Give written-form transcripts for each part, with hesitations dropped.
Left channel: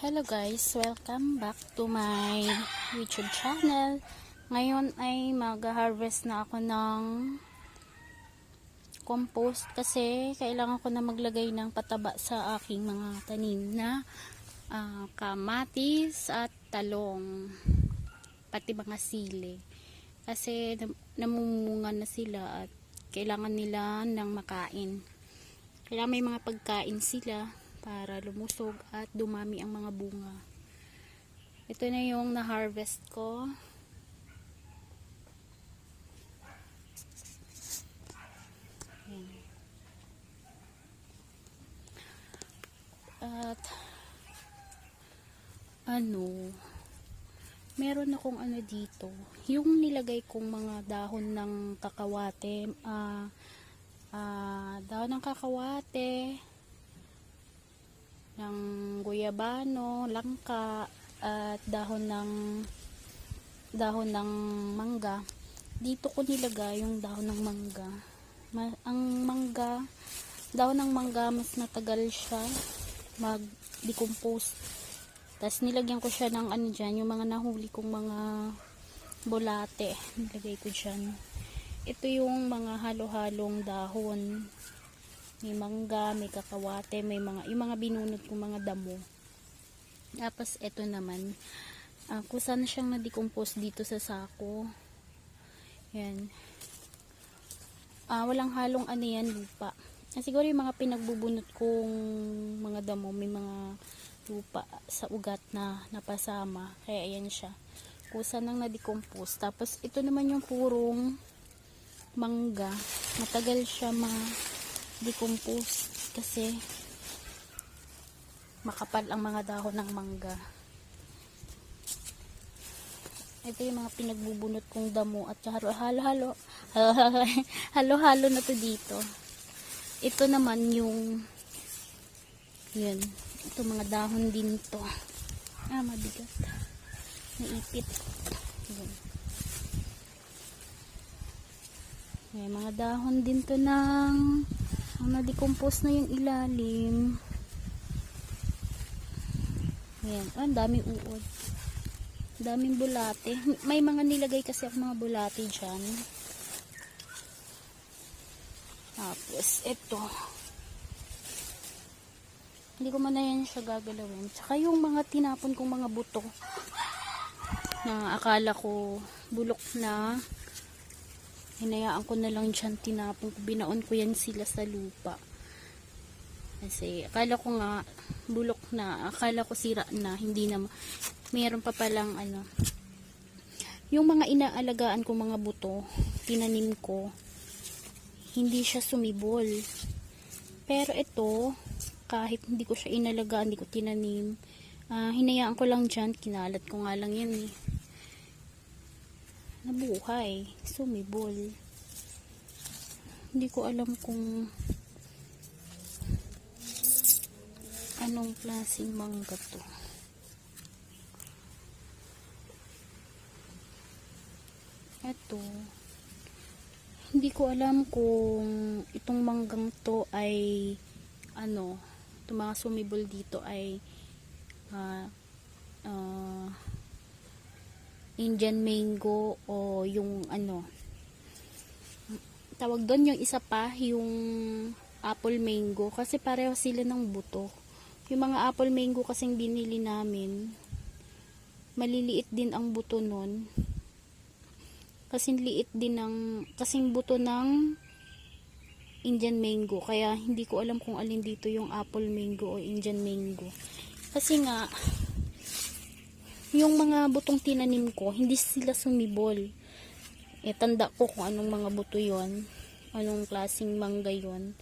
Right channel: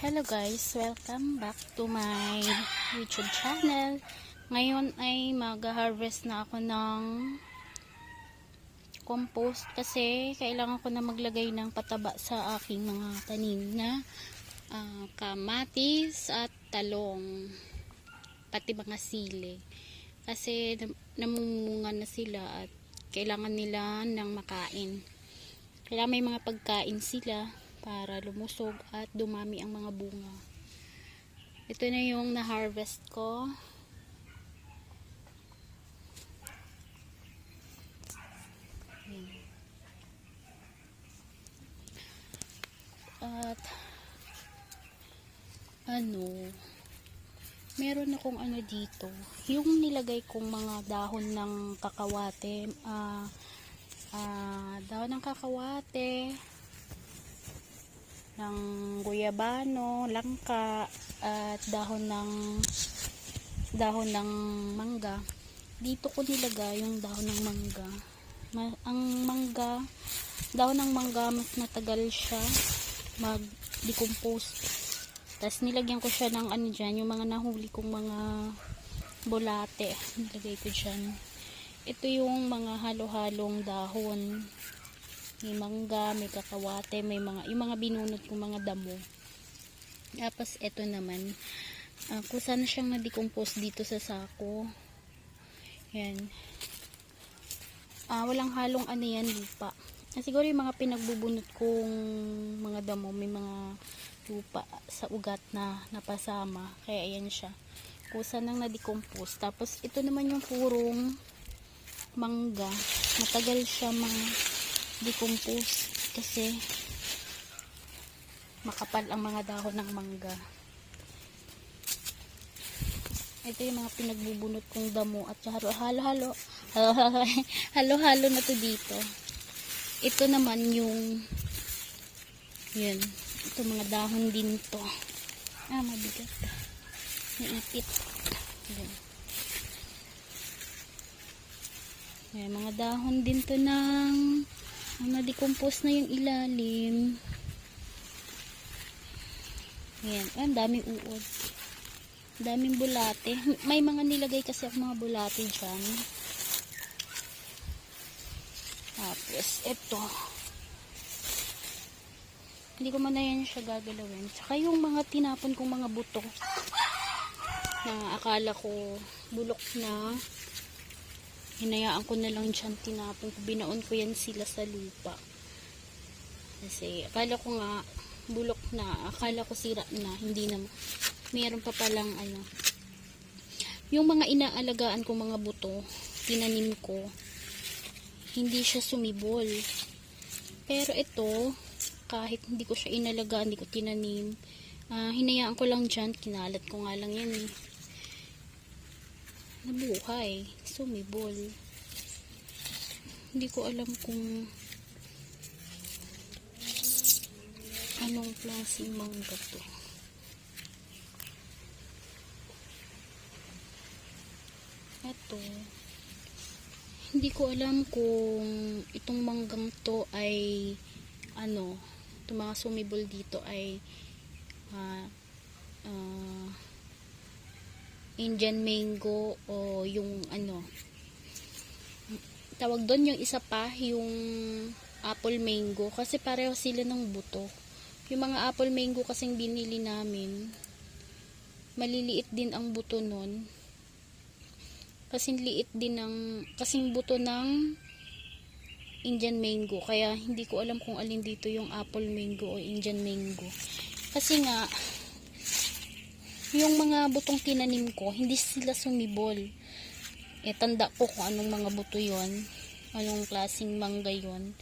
Hello guys, welcome back to my YouTube channel. Ngayon ay mag-harvest na ako ng compost kasi kailangan ko na maglagay ng pataba sa aking mga tanim na kamatis at talong, pati mga sili. Kasi namumunga na sila at kailangan nila ng makain. Kailangan may mga pagkain sila para lumusog at dumami ang mga bunga. Ito na yung na-harvest ko. Ayan. At meron akong dito, yung nilagay kong mga dahon ng kakawate, dahon ng kakawate, ng guyabano, langka, at dahon ng mangga. Dito ko nilagay yung dahon ng mangga. Dahon ng mangga mas matagal siya mag-decompose. Tapos nilagyan ko siya ng dyan, yung mga nahuli kong mga bulate. Nilagay ko dyan. Ito yung mga halo-halong dahon. May mangga, may kakawate, yung mga binunot kong mga damo. Tapos ito naman, kusa na siyang na-decompose dito sa sako. Yan. Walang halong yan, lupa. Siguro yung mga pinagbubunot kong mga damo, may mga lupa sa ugat na napasama. Kaya ayan siya. Kusa nang na-decompose. Tapos ito naman yung purong mangga. Matagal siya decompose kasi makapal ang mga dahon ng mangga. Ito yung mga pinagbubunot kong damo at halo-halo na to dito. Ito naman yung yan, ito mga dahon din to. Mabigat, naipit. Yan. May mga dahon din to ng na-decompose na yung ilalim. Ayan. Ang daming uod. Daming bulate. May mga nilagay kasi ako mga bulate dyan. Tapos, ito. Hindi ko man na yan siya gagalawin. Tsaka yung mga tinapon kong mga buto na akala ko bulok na, hinayaan ko na lang dyan, tinapon ko, binaon ko yan sila sa lupa. Kasi akala ko nga bulok na, akala ko sira na, hindi na, mayroon pa palang yung mga inaalagaan ko mga buto, tinanim ko, hindi siya sumibol. Pero ito, kahit hindi ko siya inalagaan, hindi ko tinanim, hinayaan ko lang dyan, kinalat ko nga lang yun nabuhay, sumibol. Hindi ko alam kung anong klaseng mangga to. Ito, hindi ko alam kung itong manggang to ay itong mga sumibol dito ay Indian mango o yung tawag doon, yung isa pa yung apple mango, kasi pareho sila ng buto. Yung mga apple mango kasing binili namin, maliliit din ang buto nun, kasing liit din kasing buto ng Indian mango. Kaya hindi ko alam kung alin dito yung apple mango o Indian mango, kasi nga yung mga butong tinanim ko, hindi sila sumibol. Tanda ko kung anong mga buto yon, anong klaseng mangga yon.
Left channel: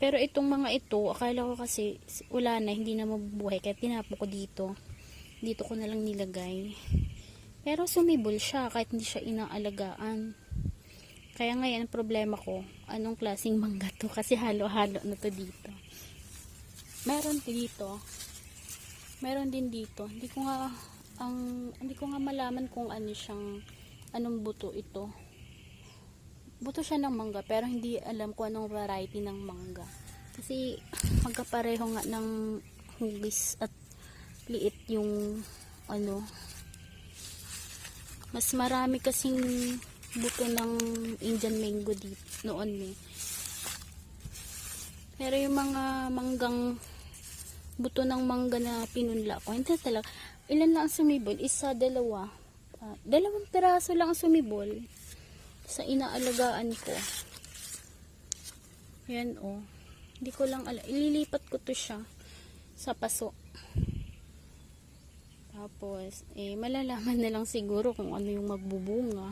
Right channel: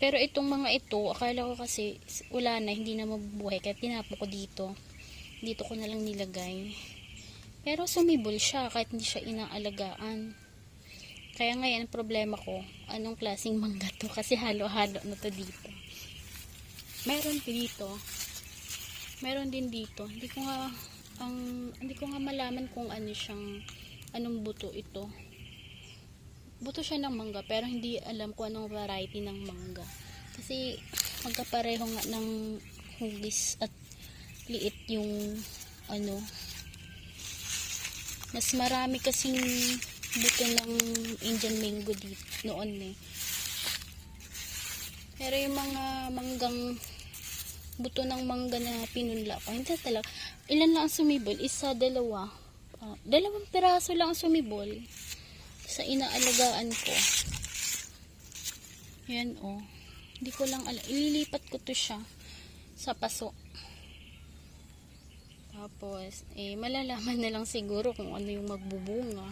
Pero itong mga ito, akala ko kasi wala na, hindi na mabubuhay, kaya tinapo ko dito ko na lang nilagay. Pero sumibol siya kahit hindi siya inaalagaan. Kaya ngayon ang problema ko, anong klaseng mangga to, kasi halo-halo na to dito. Meron din dito, hindi ko nga malaman kung anong buto ito. Buto siya ng mangga, pero hindi alam kung anong variety ng mangga. Kasi magkapareho nga ng hugis at liit yung ano, mas marami kasing buto ng Indian mango dito noon eh. Pero yung mga manggang buto ng mangga na pinunla ko, hindi talaga. Ilan lang ang sumibol? Isa, dalawa. Dalawang piraso lang ang sumibol sa inaalagaan ko. Yan oh. Hindi ko lang alam. Ililipat ko to siya sa paso. Tapos, malalaman na lang siguro kung ano yung magbubunga.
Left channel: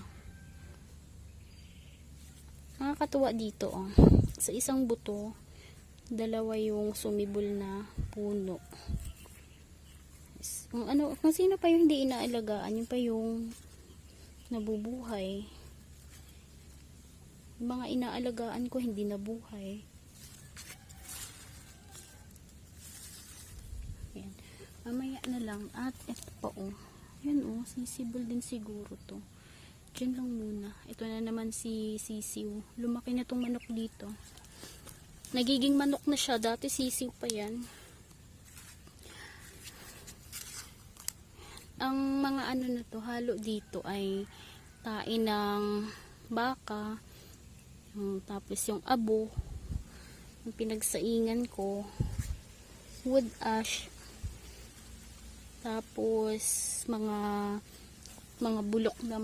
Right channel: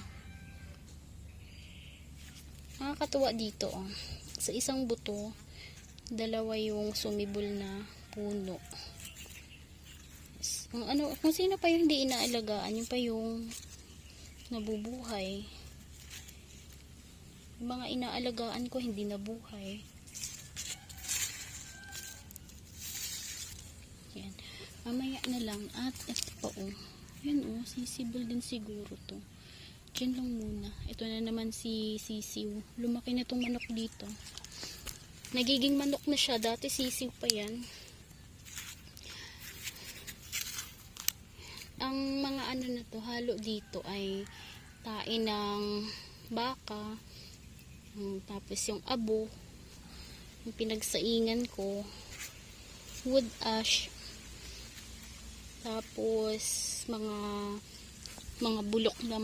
Nakakatuwa dito oh. Sa isang buto, dalawa yung sumibol na puno. Kung sino pa yung hindi inaalagaan, yun pa yung nabubuhay. Yung mga inaalagaan ko hindi nabuhay. Yan. Mamaya na lang. At ito pa oh. Yan oh, sisibol din siguro to. Diyan lang muna. Ito na naman si sisiw. Lumaki na tong manok dito. Nagiging manok na siya. Dati sisiw pa yan. Ang mga ano na to, halo dito ay tae ng baka. Tapos yung abo. Yung pinagsaingan ko. Wood ash. Tapos mga bulok na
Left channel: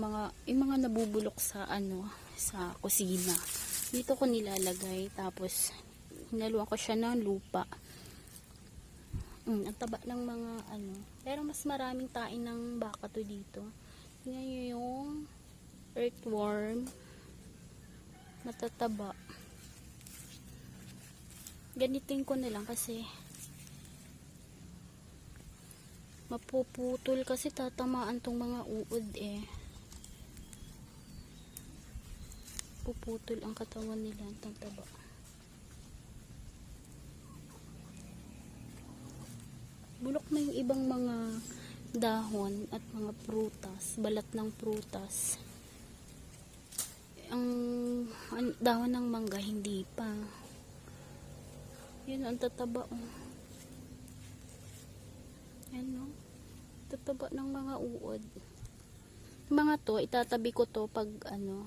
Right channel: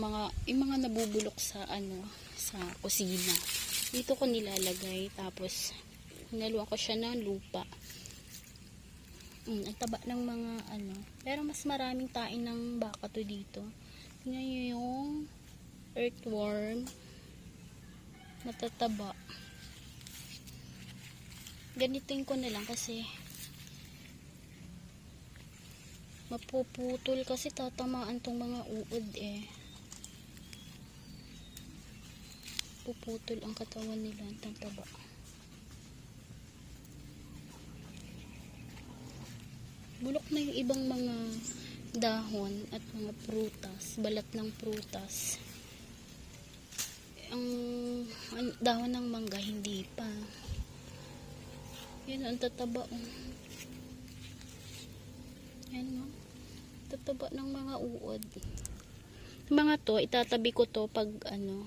yung mga nabubulok sa sa kusina. Dito ko nilalagay. Tapos hinaluan ko siya ng lupa. Ang taba ng mga pero mas maraming tain ng baka to dito. Tingnan nyo yung earthworm. Matataba. Ganitin ko na lang kasi mapuputol kasi tatamaan tong mga uod eh. Puputol ang katawan nila. Ang taba. Bulok na yung ibang mga dahon at mga prutas, balat ng prutas. Ang dahon ng mangga hindi pa. Yan ang tataba oh. Yan oh. Tataba ng mga uod. Mga to, itatabi ko to pag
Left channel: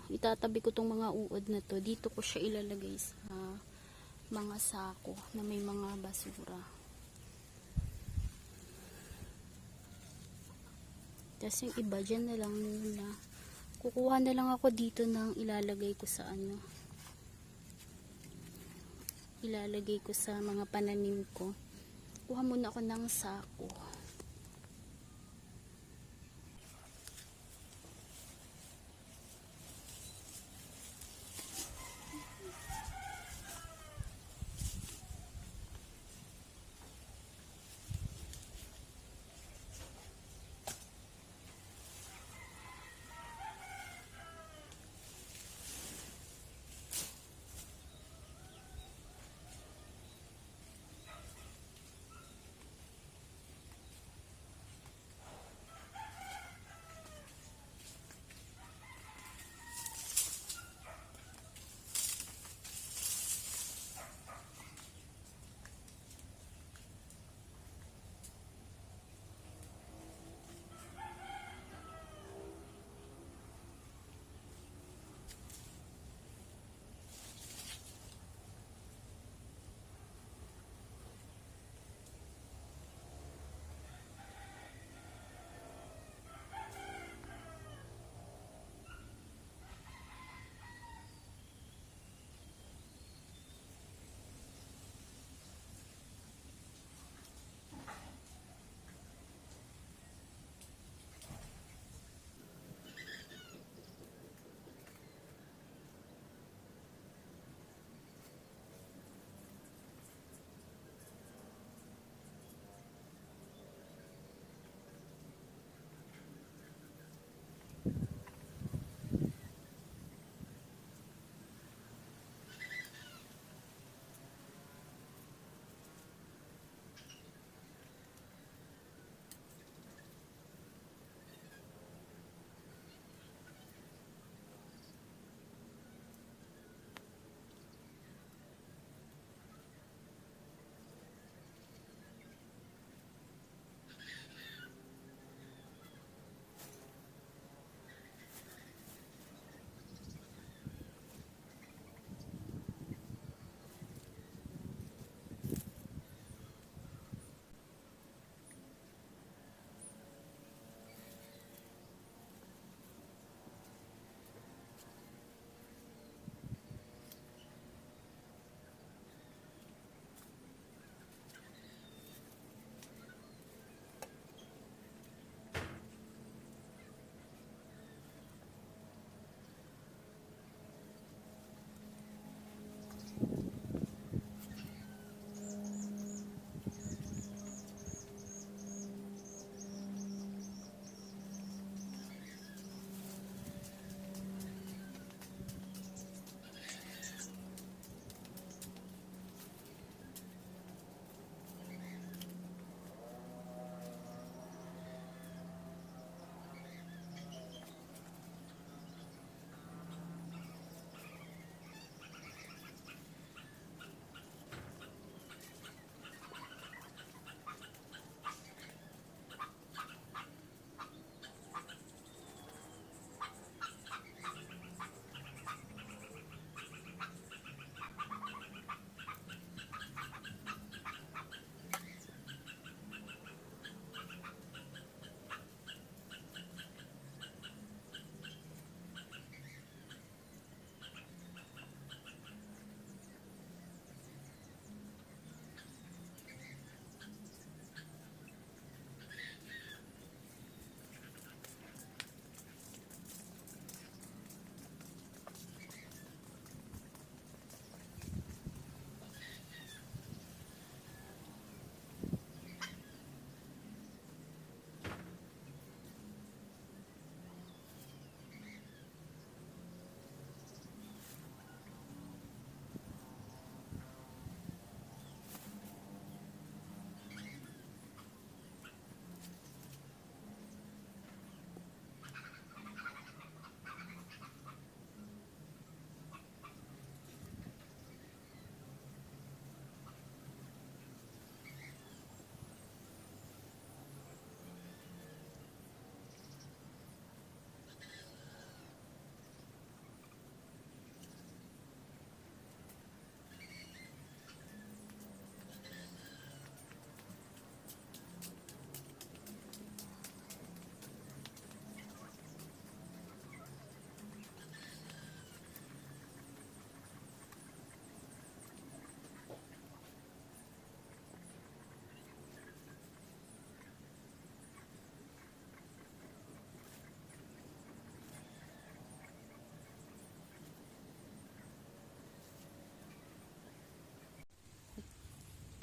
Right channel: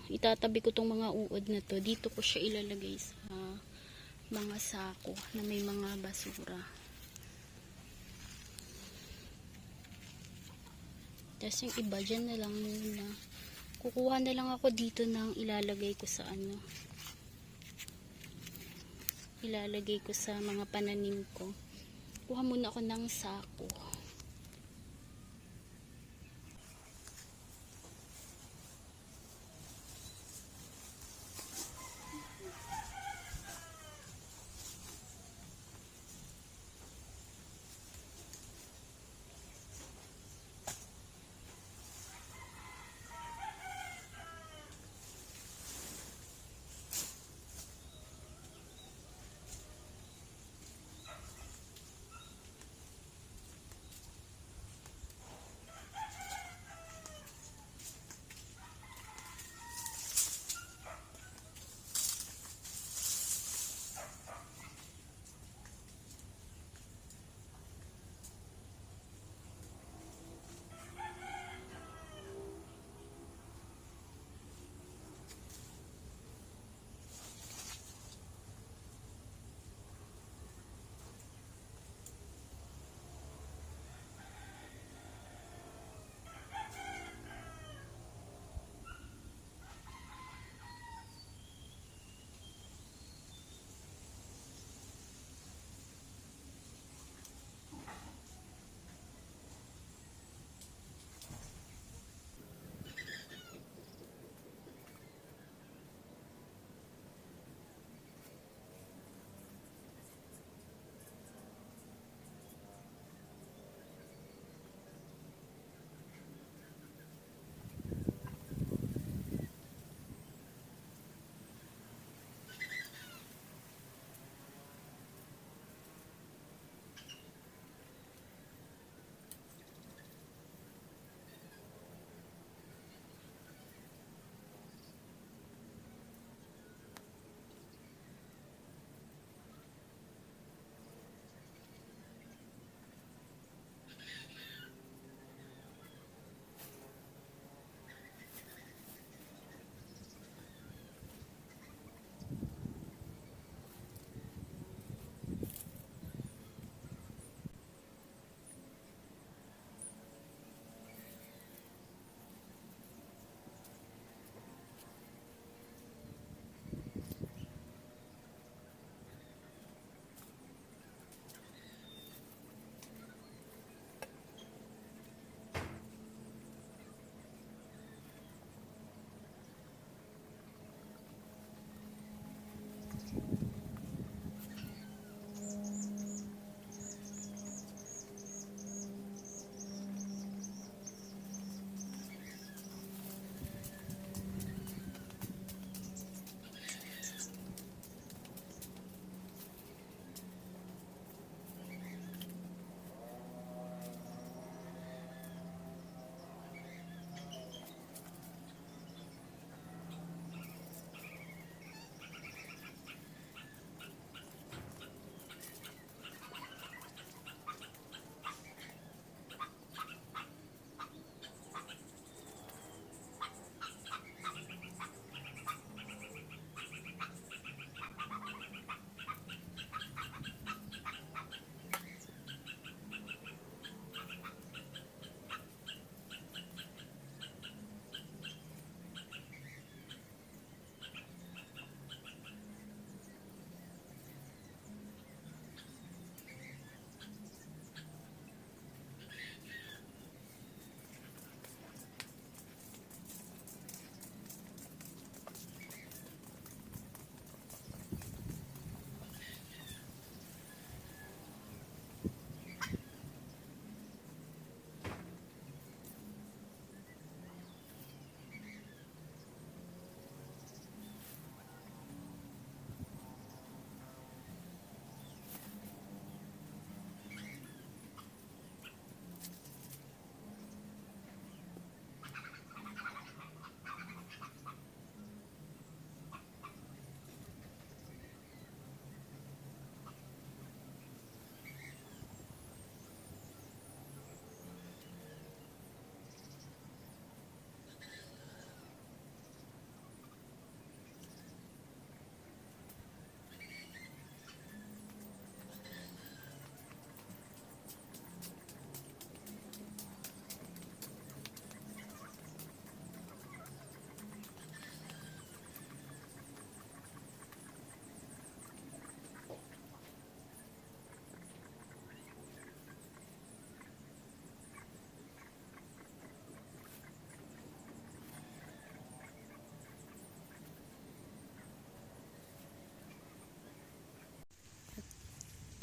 itatabi ko tong mga uod na to. Dito ko siya ilalagay sa mga sako na may mga basura. Tapos yung iba dyan na lang muna. Kukuha na lang ako dito ng ilalagay ko sa ilalagay ko sa mga pananim ko. Kuha muna ako ng sako.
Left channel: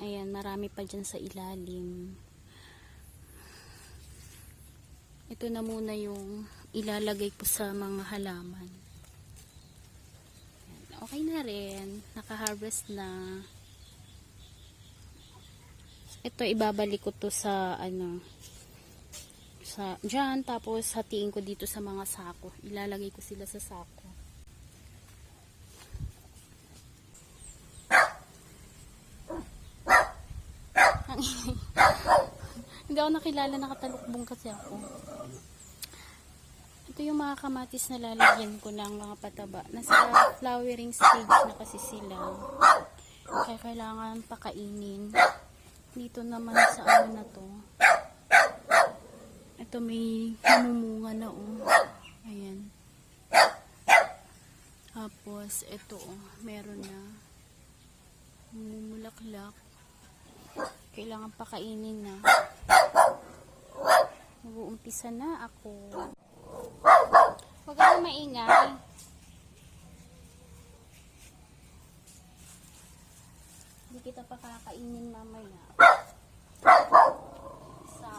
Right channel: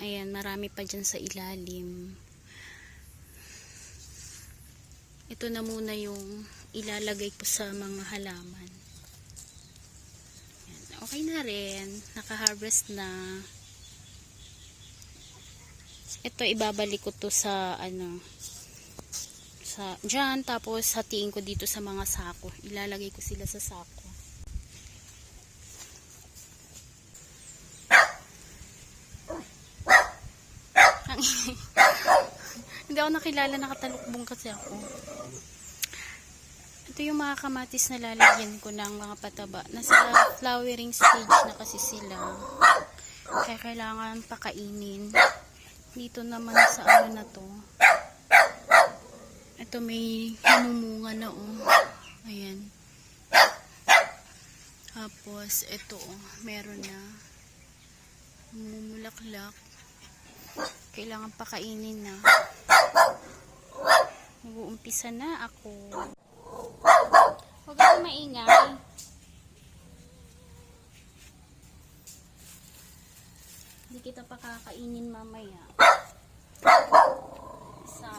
Ayan, marami pa dyan sa ilalim. Ito na muna yung ilalagay ko sa mga halaman. Ayan, okay na rin. Naka-harvest na. Ito, ibabalik ko to sa dyan, tapos hatiin ko dito sa mga sako. Ilalagay ko sila sa sako. Hindi ako nakilala, nakatalukbong kasi ako. Ito yung mga kamatis na lalagyan ko ng mga pataba. Nasa flowering stage na kasi sila. Kaya kailangan pakainin. Dito naman sa ano na to. Ito may namumunga na Ayan. Tapos ito meron na mumulaklak. Kailangan pakainin na. Mag-uumpisa na ako. Huwag ka maingay. Hindi kita pakakainin mamaya. Isa.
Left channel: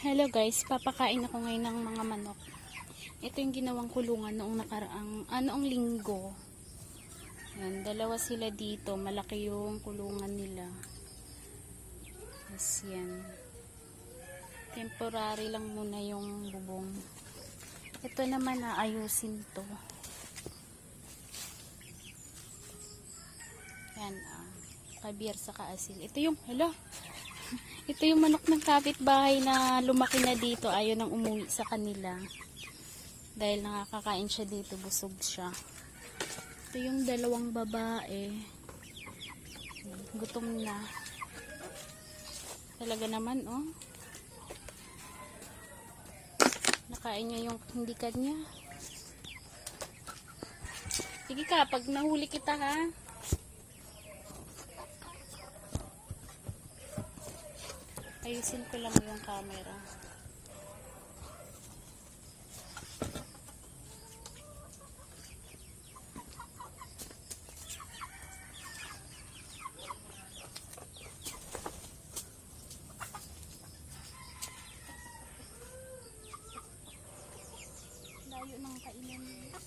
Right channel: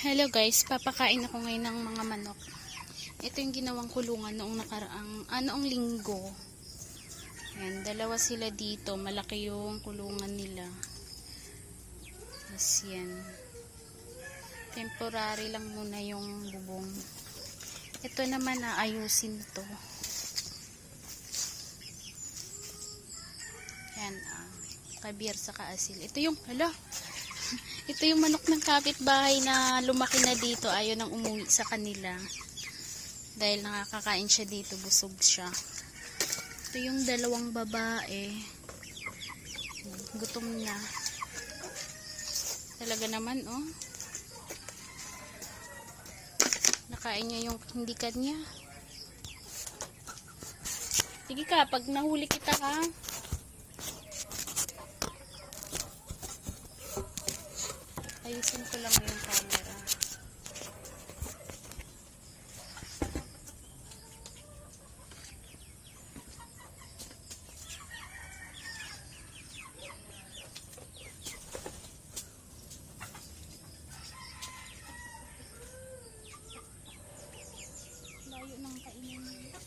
Hello guys, papakain ako ngayon ng mga manok. Ito yung ginawang kulungan noong noong linggo. Ayan, dalawa sila dito. Malaki yung kulungan nila. Yes, yan. Temporary lang muna yung bubong. Ito naman ayusin to. Yan, kabir sa kaasil. Ito yung, ito yung manok ng kapitbahay na lumaki na dito. Ayaw nang umuwi sa kanila. Dahil nakakakain siya dito. Busog siya. Ito yung dalawang babae. Gutom na. Talaga naman, Nakain niya yung hindi kanya. Sige ka, pag nahuli kita ha. Ayusin ko lang yung camera. Layo ng kainan niya.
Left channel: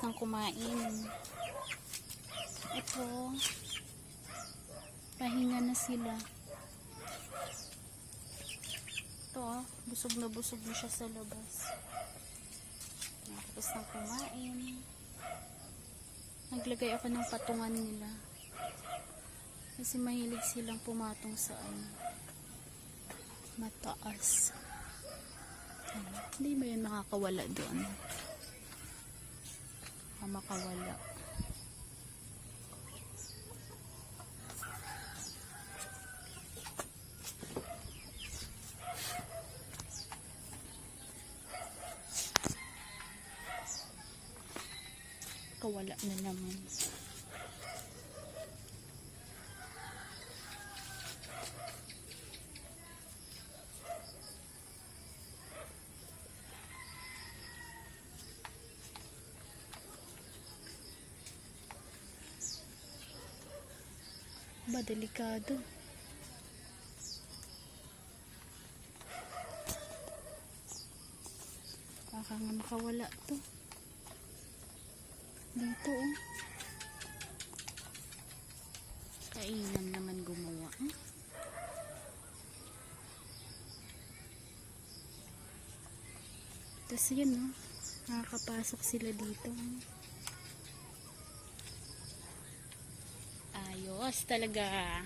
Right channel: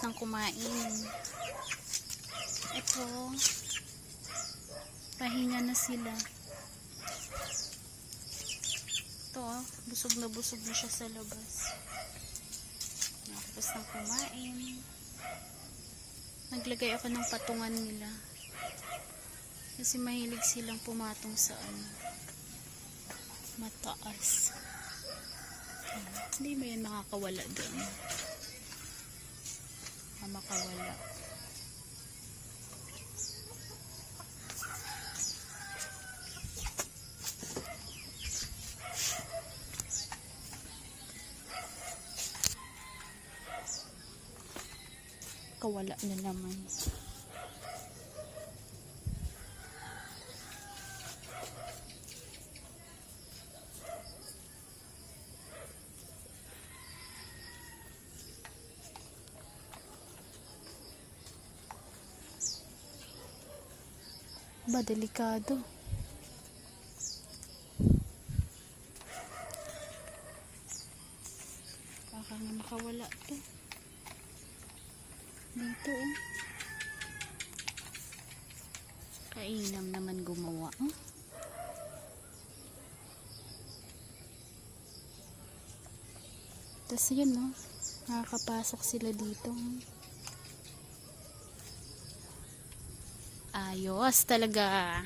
nang kumain. Ito, pahinga na sila. Ito, busog na siya sa labas. Tapos nang kumain. Naglagay ako ng patungan nila. Kasi mahilig silang pumatong sa mataas. Hindi ba yan makakawala doon? Makawala. Kawala na naman. Ba, delikado. Baka nga makawala to. Dito kainam naman gumawa. Tapos yan, no? Nakakapasok sila dito. Ayos talaga.